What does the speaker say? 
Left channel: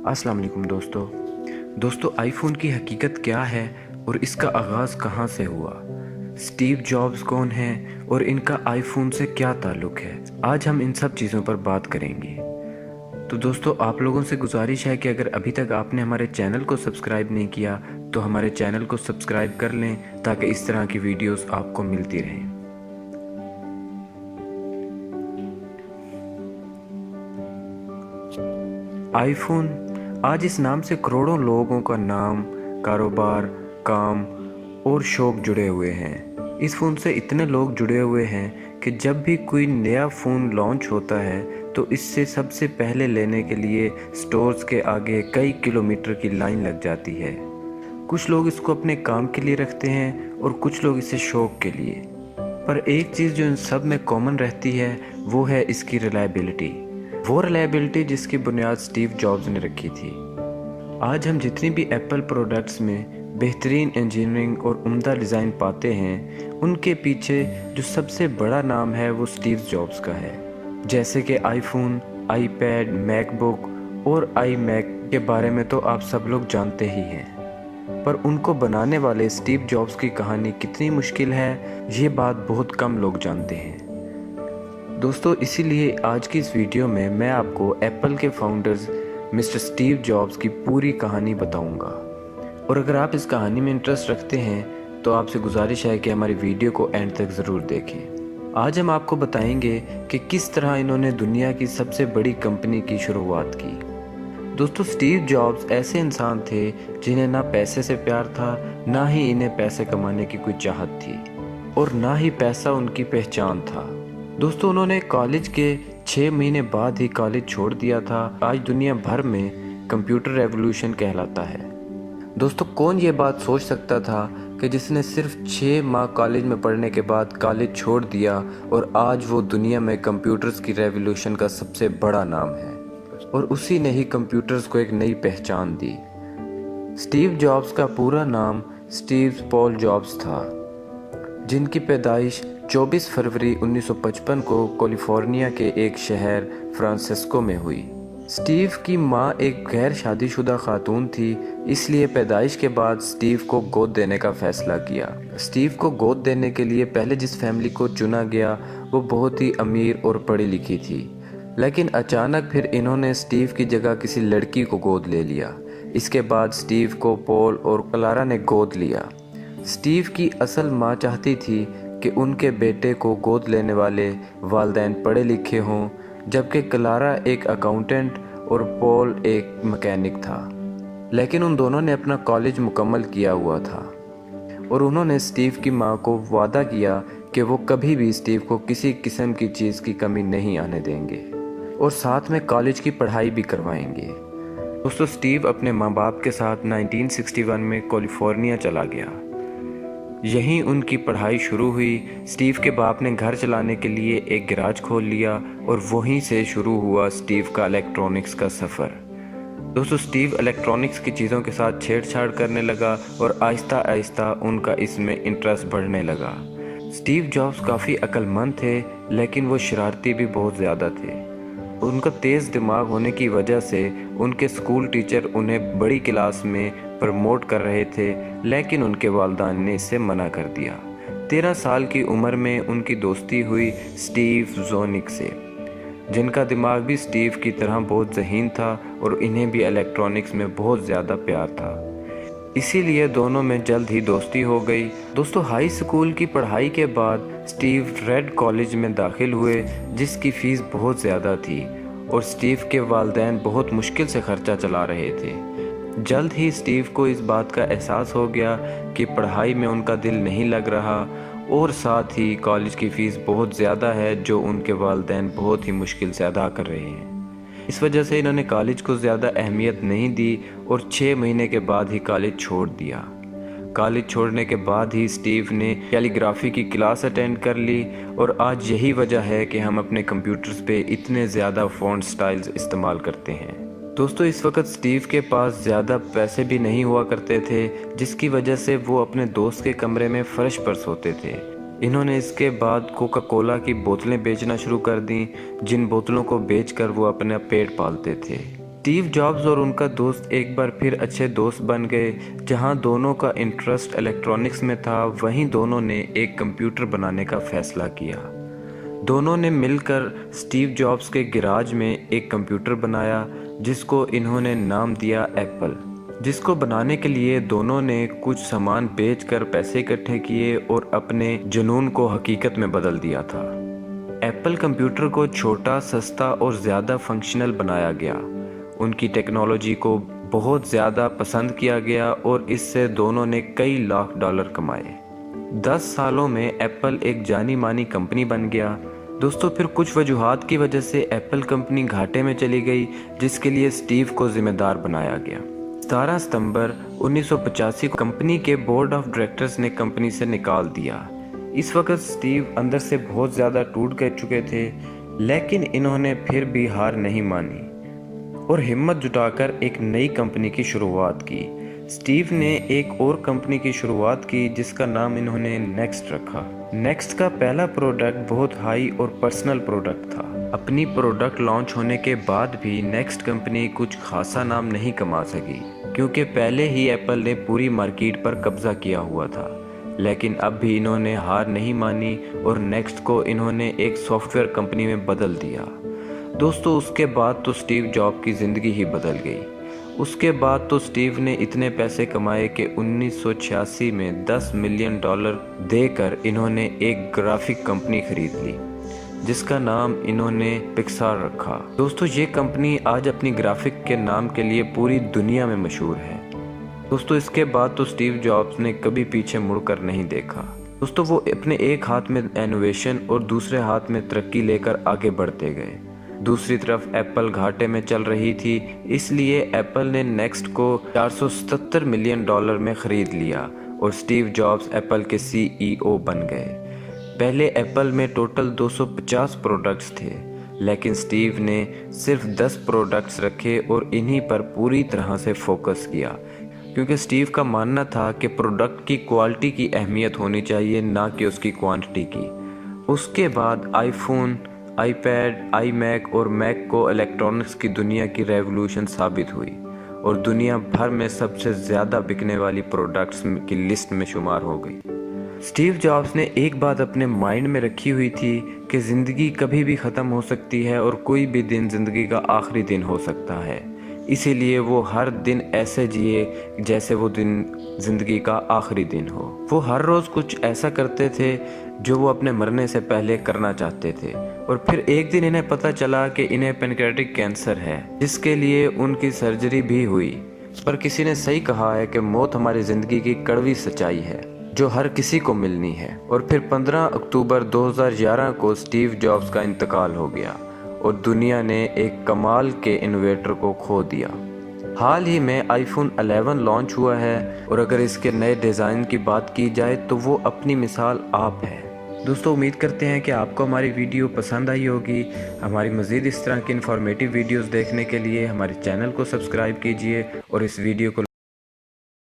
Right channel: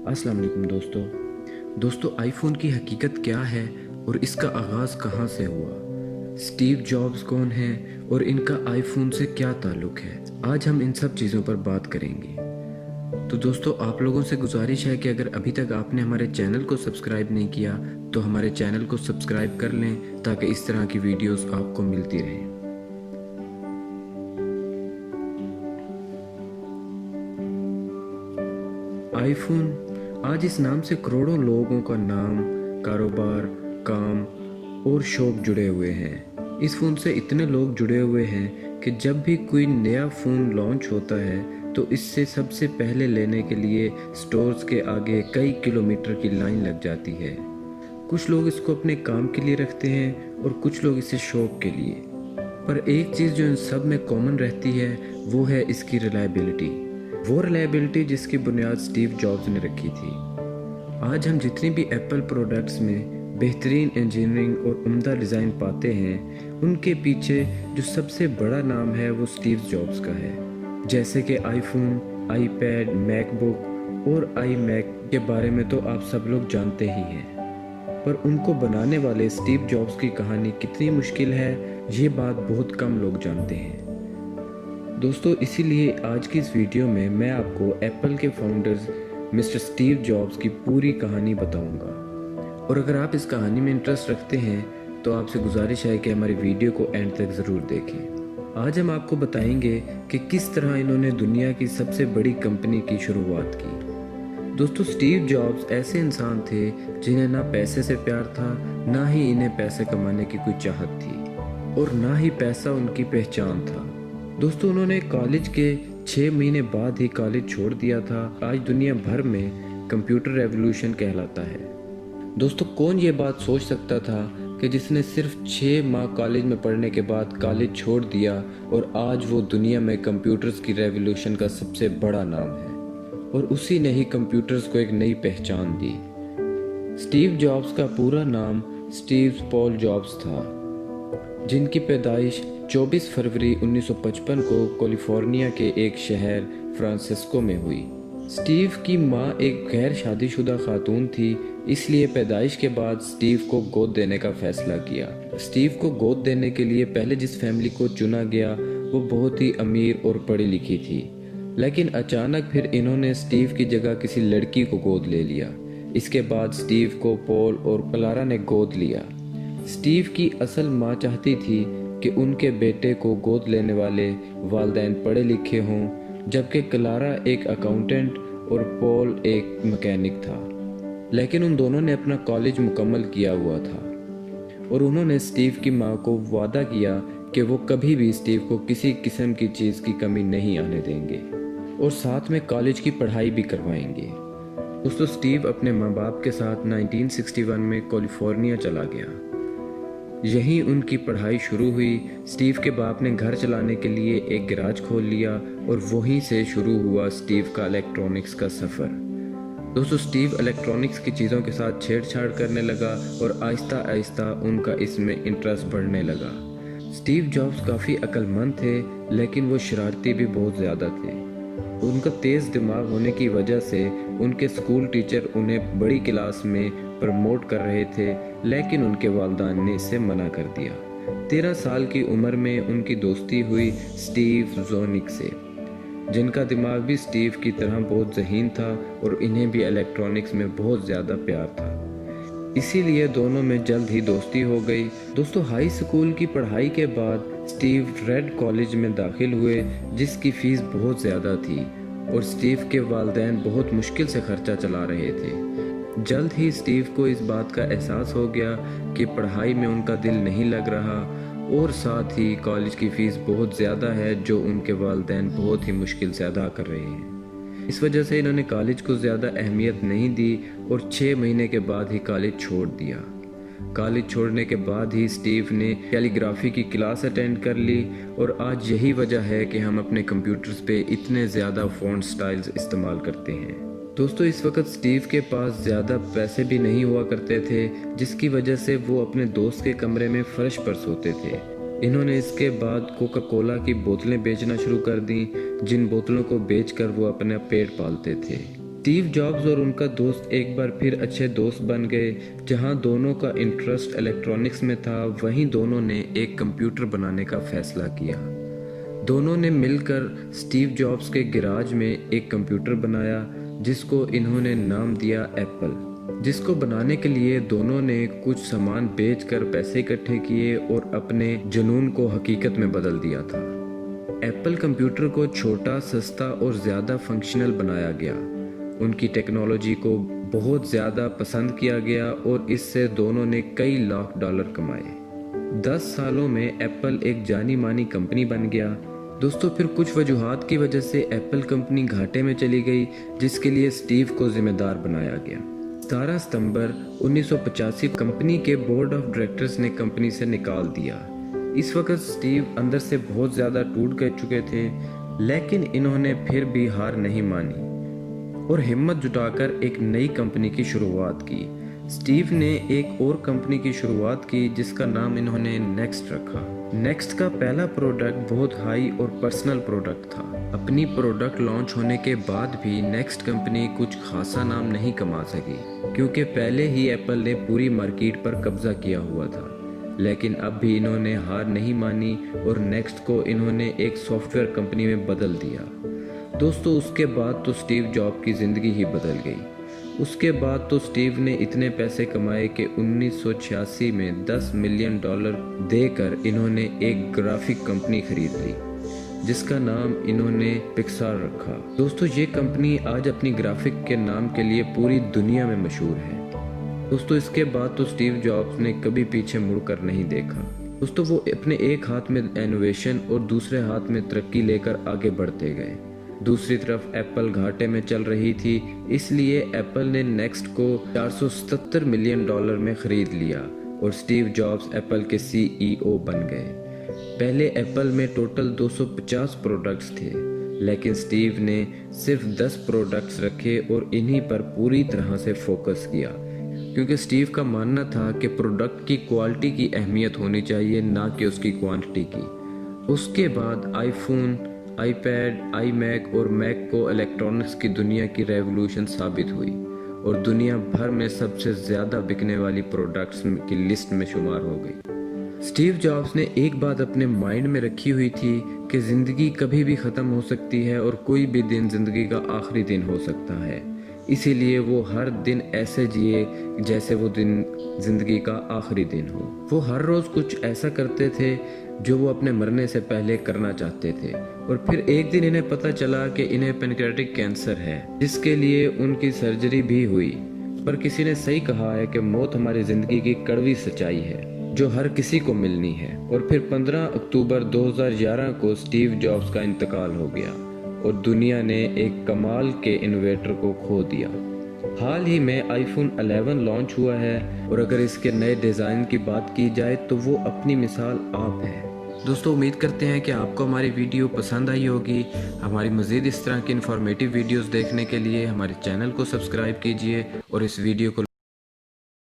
अस्सलाम वालेकुम दोस्तों आईफोन की हकीकत क्या है और इसका आगाज़ कहाँ से हुआ, स्टीव जॉब्स कौन हैं और इनका आईफोन से क्या ताल्लुक़ है। आज हम इन सब चीज़ों पर बात करेंगे। तो दोस्तों आप लोगों से गुजारिश है कि अगर अभी तक आपने हमारे चैनल को सब्सक्राइब नहीं किया तो हमारे चैनल को सब्सक्राइब कर लें ताकि इस तरह की वीडियोस आपको मिलती रहें। आईफोन आज इस नाम से करोड़ों लोगों का नाम, कारोबार, काम और शौक जुड़े हुए हैं। इस फ़ोन से इतने लोग जुड़े हुए हैं कि जब भी कोई नया फ़ोन लॉन्च होता है तो इससे सबसे पहले लेने के लिए स्टोर्स के आगे कई किलोमीटर की लाइन लग जाती है। कुछ लोग इसको अपने काम के लिए रखते हैं और कुछ लोग इसे शौक के लिए। पर एक चीज़ जो इन सब में कॉमन रहती है वो है इसकी रिलायबिलिटी। वो रिलायबिलिटी जिसकी बुनियाद स्टीव जॉब्स ने रखी थी। आज हम जितनी भी एप्पल प्रोडक्ट्स में बेहतरीन इंजीनियरिंग और उम्दा डिज़ाइन पाते हैं, उनके पीछे जो सबसे बड़ा नाम है वो स्टीव जॉब्स का है। जैसे कि आईफोन, आईपैड, मैकबुक और आई मैक के बारे में तो आप सब लोग जानते ही हैं, पर उनको बनाने वाले स्टीव जॉब्स की कहानी कितनी मुश्किल है ये बात बहुत कम लोग जानते हैं। दोस्तों इसीलिए आज की इस वीडियो में मैं आपको एप्पल के फाउंडर्स मिस्टर स्टीव जॉब्स की पूरी कहानी बताऊंगा। और अगर आप इस कहानी में इंटरेस्ट रखते हैं तो आपसे गुजारिश है कि हमारी वीडियो को एंड तक ज़रूर देखें। आज हम आपको बताएंगे कि किस तरह इन्होंने दुनिया की सबसे बड़ी कंपनी की शुरुआत की। दोस्तों स्टीव जॉब्स ऐसे इंसान थे जिन्हें ना पैसे से प्यार था, ना ही इन्हें पैसे कमाने की कोई चाहत थी और ना ही पैसा उनकी पहचान था। दोस्तों उन्होंने कॉलेज के 6 महीने बाद ही कॉलेज छोड़ दिया था। आज दुनिया भर में कंप्यूटर रेवोल्यूशन कहलाता है। दोस्तों कौन ये बात सोच सकता था कि जिसने सिर्फ 6 माह कॉलेज में पढ़ने के बाद कॉलेज छोड़ दिया और आज वो दुनिया में कंप्यूटर्स की रेवोल्यूशन का सबसे बड़ा नाम है और उसी ने ही कंप्यूटर्स को एक नई पहचान दी। स्टीव जॉब्स का पूरा नाम स्टीव पॉल जॉब्स था, जिनकी पैदाइश 24 फरवरी 1955 को कैलिफोर्निया के एक शहर फ्रांसिस्को में हुई। स्टीव की मां एक गैर शादीशुदा खातून थी, इसलिए पैदाइश के बाद स्टीव को गोद देने का फैसला किया। स्टीव को गोद देने के लिए पहले जिस फैमिली को चुना गया वो बहुत ही अमीर और पढ़ी लिखी थी, लेकिन अचानक फिर इन्होंने स्टीव की जगह किसी लड़की को गोद ले लिया। इसके बाद स्टीव को पॉल और क्लारा ने गोद लिया। स्टीव की असल मां चाहती थी कि उनके बेटे को गोद लेने वाले वालिदैन पढ़े लिखे हों, जबकि क्लारा एक अकाउंटेंट और पॉल एक मैकेनिक था। लेकिन उन दोनों ने अपना कॉलेज मुकम्मल किया हुआ था और उन्होंने स्टीव की मां को वादा किया कि वो कभी भी स्टीव को किसी किस्म की चीज़ की कमी नहीं आने देंगे और साथ में कॉलेज की पढ़ाई भी करवाएंगे। दोस्तों स्टीव अपने माँ बाप के साथ 1961 में कैलिफोर्निया चला गया। यहीं उनकी पढ़ाई शुरू हुई। स्टीव के बाप ने घर चलाने के लिए एक गैराज खोल लिया और वहीं से शुरू हुआ स्टीव का इलेक्ट्रॉनिक्स का सफ़र। दोस्तों स्टीव इलेक्ट्रॉनिक्स की चीज़ों के साथ छेड़छाड़ करने लगा और आहिस्ता आहिस्ता उनका इसमें इंटरेस्ट बढ़ने लगा। स्टीव जॉब्स काफ़ी अक्लमंद थे, लेकिन वो शरारती भी बहुत ज़्यादा थे। उनका तेज़ दिमाग होने की वजह से उनके स्कूल टीचर उन्हें बड़ी क्लास में प्रमोट कर रहे थे, लेकिन उनके वालिदैन ने इसे मना कर दिया। 13 साल की उम्र में उनकी दोस्ती हुई स्टीव जोनिक से, जिनका दिमाग भी स्टीव की तरह बहुत ज़हीन था और इन्हें भी इलेक्ट्रॉनिक्स में बहुत ज़्यादा प्यार था। इसीलिए दोनों में जल्द ही दोस्ती हो गई। दोस्तों हाई स्कूल की पढ़ाई के बाद स्टीव रेड कॉलेज में दाखिल हुए, जिसकी फ़ीस बहुत ज़्यादा थी और स्टीव के वालिदैन बहुत मुश्किल से खर्चा चला रहे थे। जल्द ही स्टीव को इस बात का एहसास हो गया कि पढ़ाई में उनका दिल नहीं लग रहा और साथ ही कॉलेज की फ़ीस बहुत ज़्यादा है जो उनके वालिदैन बहुत ही मुश्किल से अदा कर रहे हैं। इस वजह से इन्होंने कॉलेज को ज़्यादा अहमियत नहीं दी और 6 महीने के बाद ही कॉलेज छोड़ दिया। कॉलेज छोड़ने के बाद ही स्टीव ने कैलीग्राफी की क्लास अटेंड कर ली और आज यही वजह है कि हम अपने कंप्यूटर्स पे इतने ज़्यादा फ़ॉन्ट स्टाइल्स इस्तेमाल करते हैं। दोस्तों इस वक्त स्टीव के पास ज़्यादा पैसे भी नहीं हुआ करते थे, जिसकी वजह से वो अपने दोस्त के कमरे में फर्श पर सोते थे। इन्होंने इसके बाद कोका कोला की बोतलें बेचना शुरू कर दी, जिन बोतलों को बेचकर वो अपना पेट पालते थे। स्टीव जॉब्स और उनका दोस्त एक बार फिर अच्छे दोस्त बन गए। जहां दोनों का इंटरेस्ट इलेक्ट्रॉनिक्स में था, वहीं दोनों ने एक कंप्यूटर बनाने का फैसला किया। दोनों ने मिलकर स्टीव जॉब्स के गैराज में एक कंप्यूटर बनाया जिसको इन्होंने नाम दिया एप्पल, जिसको बनाने के लिए दोनों ने कुछ सामान बेचकर पैसे इकट्ठे किए और अपने जुनून को हकीकत में बदल दिया था। एप्पल कंप्यूटर को छोटा, सस्ता और ज़्यादा फंक्शनल बनाया गया। उनकी टेक्नोलॉजी को बहुत ज़्यादा पसंद किया गया और इससे दोनों ने कई लाख डॉलर कमाए। 10 सालों में एप्पल एक जानी मानी कंपनी बन गया। दोस्तों, फिर कुछ वजूहात की वजह से एप्पल कंपनी घाटे में चली गई, जिसके लिए स्टीव को जिम्मेदार बनाया गया। 17 सितंबर 1985 को कंपनी के बोर्ड ऑफ डायरेक्टर्स ने कंपनी से निकाल दिया। इस वक्त स्टीव अंदर से बहुत ज़्यादा टूट गए चुके थे, लेकिन इन्होंने फिर भी हार नहीं मानी और हिम्मत जुटाकर एक नई कंपनी की शुरुआत की। स्टीव ने एक और कंपनी की शुरुआत की जिसका नाम इन्होंने नेक्स्ट रखा। नेक्स्ट का पहला प्रोडक्ट बहुत हाई और पर्सनल प्रोडक्ट था। अपनी प्रोडक्ट लॉन्च होने के बाद भी नेक्स्ट कंपनी कुछ खासा नाम नहीं कमा सकी, क्योंकि पहले ही एप्पल ने पूरी मार्केट पर कब्जा किया हुआ था। लेकिन अब भी इन्होंने हार नहीं मानी और नेक्स्ट को इन्होंने एक सॉफ्टवेयर कंपनी में बदल दिया। दोस्तों, उसके बाद तो स्टीव जॉब की ज़िंदगी ही बदल गई। उसके बाद तो स्टीव ने इतने पैसे कमाए कि 1986 में $10 मिलियन देकर इन्होंने एक ग्राफिक कंपनी खरीद ली, जिसका नाम इन्होंने पिक्सार रखा। दोस्तों, ये कंपनी आज अपनी ग्राफिक के नाम के लिए पूरी दुनिया में मशहूर है। दोस्तों, इसके बाद तो स्टीव जॉब्स ने कभी पीछे मुड़कर नहीं देखा। दोस्तों, वो अपने एक हाथ में इनोवेशन और दूसरे हाथ में तरक्की लेकर आगे बढ़ते गए। दूसरी तरफ एप्पल घाटे में चल रही थी, इसलिए एप्पल ने नेक्स्ट को $477 मिलियन में ख़रीद लिया और स्टीव जॉब्स एप्पल के CEO बन गए। पहले एप्पल में टोटल 250 प्रोडक्ट्स थे, लेकिन स्टीव ने सिर्फ 10 प्रोडक्ट्स रखे और इन्हीं पर पूरी तरह से फोकस किया, क्योंकि स्टीव का मानना था कि प्रोडक्ट की क्वालिटी की अहमियत होनी चाहिए, ना कि उसकी क्वांटिटी की। उसके बाद आईफोन, आईपैड, आईमैक और मैक को इलेक्ट्रॉनिक्स की दुनिया की रेवोल्यूशन साबित हुई और दुनिया भर में सबसे ज़्यादा बिकने वाली प्रोडक्ट्स की लिस्ट में शुमार हो गई। स्टीव जॉब्स ने एक बात अपने माइंड में रखी हुई थी कि ज़िंदगी कभी भी ख़त्म हो सकती है और कोई भी दिन ज़िंदगी का आखिरी दिन हो सकता है। इसीलिए वो हर दिन ऐसे जिए जैसे वो दिन ज़िंदगी का आखिरी दिन हो। वो हर रोज़ कुछ ऐसा करते थे जो वो अपने मरने से पहले करना चाहते थे। और फिर एक दिन इन्हें पता चला कि इन्हें पैनक्रियाटिक कैंसर है, जिसके लिए उनकी सर्जरी भी हुई। पर किसी ने सही कहा है कि मौत हमारी ज़िंदगी की कड़वी सच्चाई है जो हर किसी को मिलनी है। और फिर 15 अक्टूबर 2011 को स्टीव जॉब्स का इंतकाल हो गया और दुनिया ने एक कमाल के इन्वेटर को खो दिया। हाल ही में आईफोन 11 लॉन्च हुआ है और अगर इसके नए डिज़ाइन की बात की जाए तो वो अपनी मिसाल आप है। दोस्तों, उम्मीद करते हैं कि आपको हमारी वीडियो पसंद आई होगी। हमारी मज़ीद इस तरह की इन्फॉर्मेटिव वीडियोस देखने के लिए हमारे चैनल को सब्सक्राइब कीजिए और इस वीडियो को